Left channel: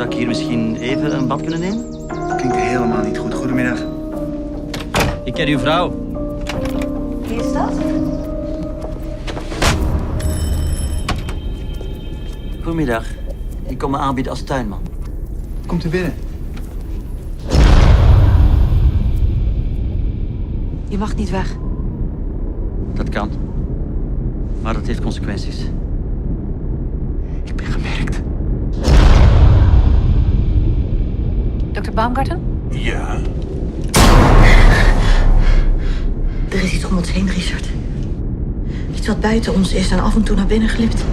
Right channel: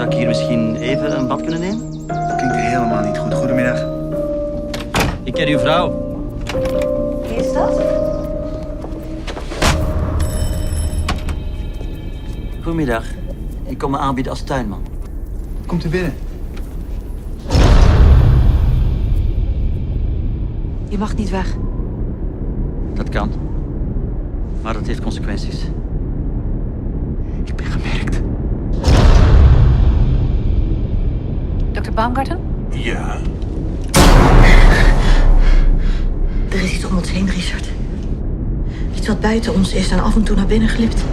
Zou ik hier misschien even een bad kunnen nemen? Dat klinkt helemaal niet goed. Goedemiddag. Ik ken uw vrouw. Wie is dat? Goedemiddag. Ik kom me aanbieden als tuinman. Komt u binnen. Je mag niet weg. Dat kan. Maar dat heeft consequenties. Ik ben gemerkt. Dr. Baumgarten? Ja, Er is iets om ons heen, Richard. Iets wat buiten ons is en af en toe naar binnen glipt.